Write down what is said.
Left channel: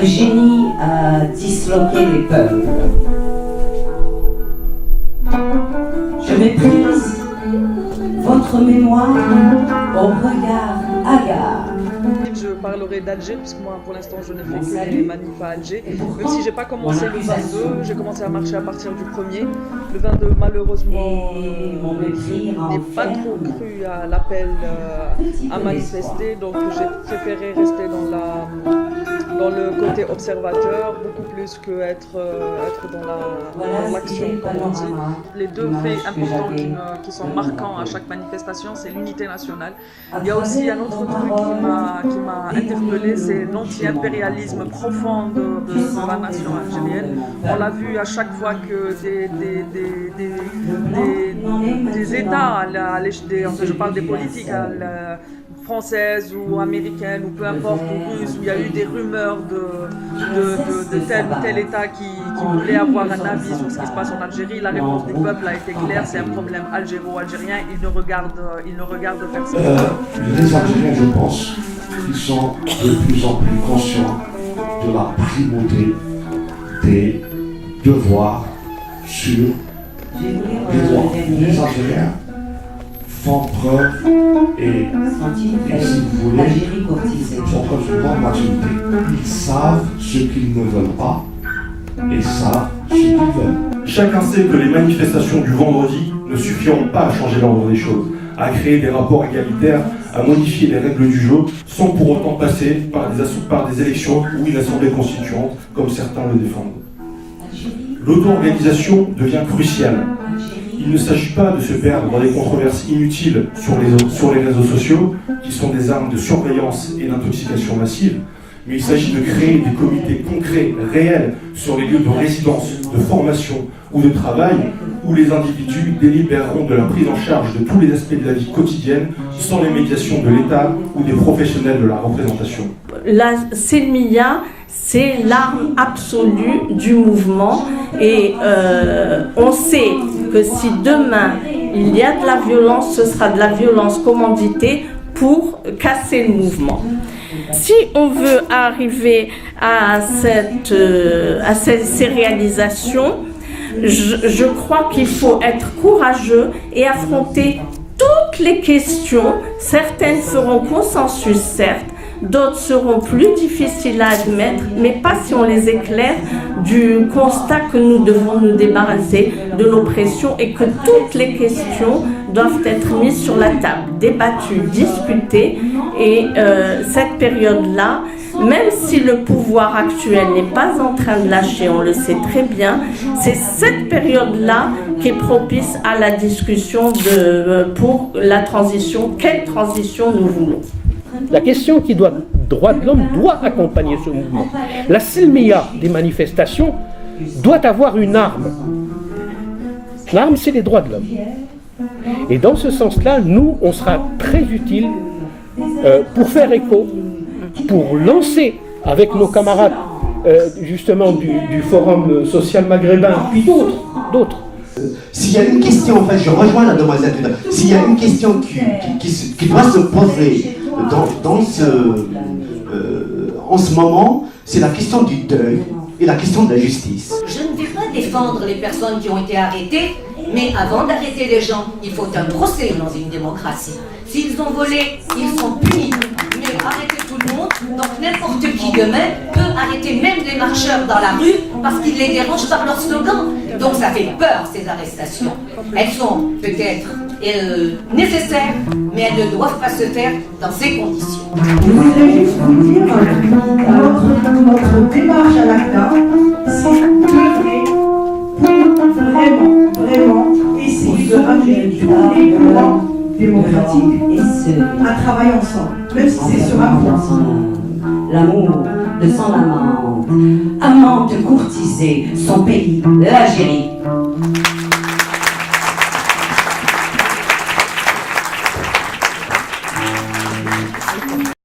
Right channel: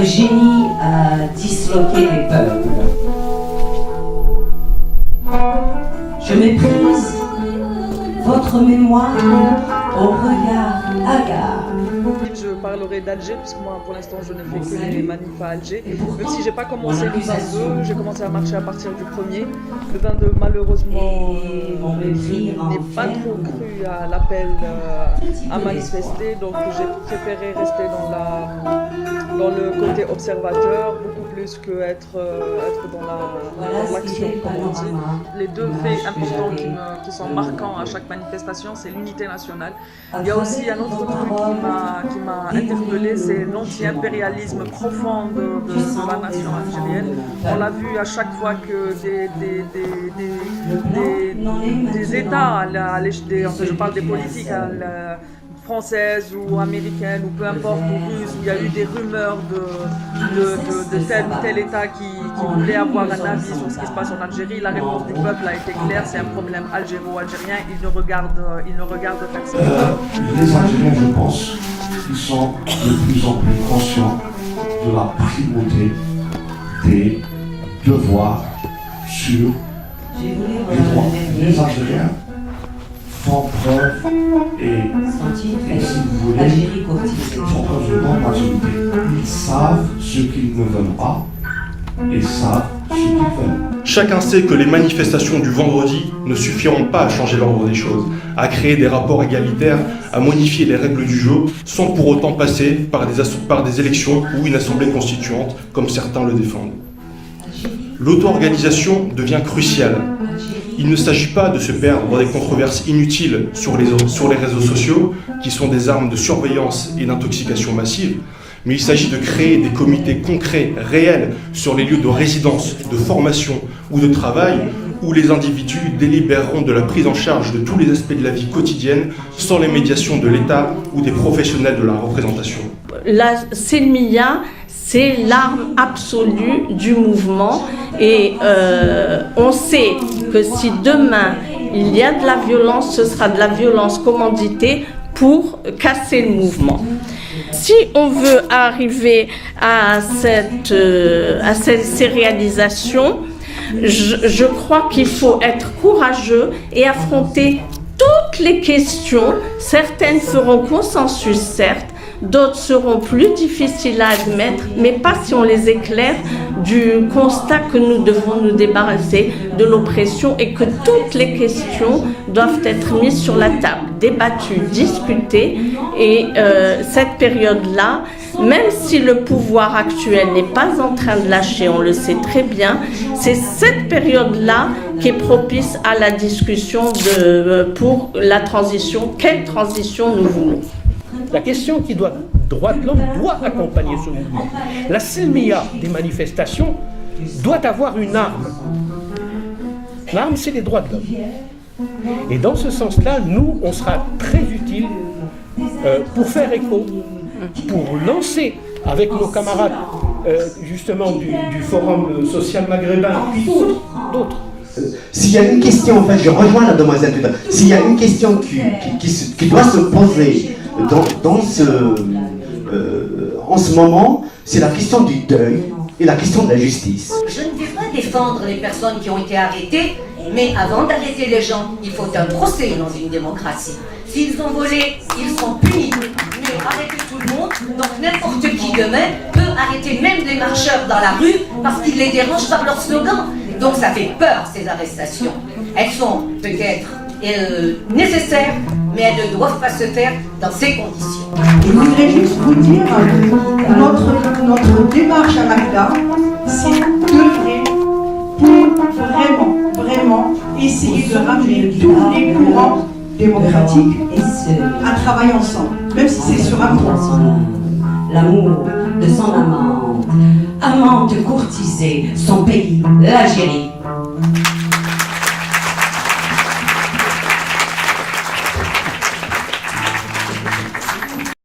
Votre génie a disloqué les peuples. Je méprise votre mémoire au regard hagard. Je parlerai d'Alger, puisque moi pour l'instant je n'ai fait que les manifs à Alger. Même si j'ai pas commencé le 22, j'ai commencé à marcher à partir du 1er. Le 22 malheureusement n'ai pas trop cru à l'appel à manifester, donc j'ai préféré rester dans le côté observateur, beaucoup plus que être dans l'action, comme on dit. Les deux faits importants qui sont marquants à chaque manifestation, c'est l'unité nationale. Il y a aussi un autre truc qui m'a interpellé, c'est l'anti-impérialisme profond de la nation algérienne. On l'a vu à chaque fois que des États, je parle des politiques françaises ou américaines ou peu importe, ou russes, où il y a eu des rumeurs de tel ou tel État qui voulait avoir un avis sur ce qui se passe en Algérie. La réponse du peuple a été claire, c'est un problème algéro-algérien, il ne regarde personne. Les Algériens, je pense, ils sont de plus en plus conscients de la primauté des devoirs sur les droits. Les Algériens font preuve et si vous voulez, font preuve de grande maturité. Ils savent ce qu'ils ne veulent pas et savent ce qu'ils veulent. Chacun sait que les manifestations du vendredi ne suffiront pas à changer l'ordre des choses, à créer des rapports égalitaires, à modifier les règles du jeu, sans pour autant passer par des élections ou une assemblée constituante, comme certains le défendent. L'auto-organisation devient cruciale. Il ne s'agit pas de se perdre dans des controverses inutiles sur les réseaux sociaux, qui sont des armes de surveillance et d'intoxication massive, mais il s'agit de créer des comités concrets, réels, sur les lieux de résidence, de formation ou de travail, où les individus délibéreront de la prise en charge de tous les aspects de la vie quotidienne, sans les médiations de l'État ou des professionnels de la représentation. La Selmiya, c'est l'arme absolue du mouvement et on sait que si demain il y a de la violence, ce sera de la violence commanditée pour casser le mouvement. Si on veut arriver à ces réalisations, je crois qu'il faut être courageux et affronter toutes les questions. Certaines feront consensus, certes, d'autres seront plus difficiles à admettre, mais pas si on les éclaire du constat que nous devons nous débarrasser de l'oppression et que toutes les questions doivent être mises sur la table, débattues, discutées. Et cette période-là, même si le pouvoir actuel n'est pas en train de lâcher, on le sait très bien, c'est cette période-là qui est propice à la discussion pour la transition. Quelle transition nous voulons ? La question droits de l'homme doit accompagner ce mouvement. La Selmiya des manifestations doit avoir une arme. L'arme, c'est les droits de l'homme. Et dans ce sens-là, nous, on sera très utile pour faire écho, pour lancer avec nos camarades justement du Forum social maghrébin, puis d'autres. S'il y a une question, en fait, je rejoins la demoiselle tout à l'heure, s'il y a une question qui doit se poser en ce moment, c'est la question du deuil et la question de la justice. Je ne vais pas défendre les personnes qui ont été arrêtées, mais avant d'arrêter les gens, il faut un procès dans une démocratie. S'ils ont volé, ils sont punis. Mais arrêter tout le monde, donc n'importe qui demain peut arrêter même des marcheurs dans la rue parce qu'ils les dérangent par leur slogan. Donc ça fait peur, ces arrestations. Elles sont peut-être nécessaires, mais elles ne doivent pas se faire dans ces conditions. Je voudrais juste vous dire, notre démarche à l'ACDA, c'est d'œuvrer pour vraiment essayer de ramener tous les courants démocratiques à travailler ensemble, même si c'est sur un point. L'amour de son amante, amante courtisée, son pays, l'Algérie.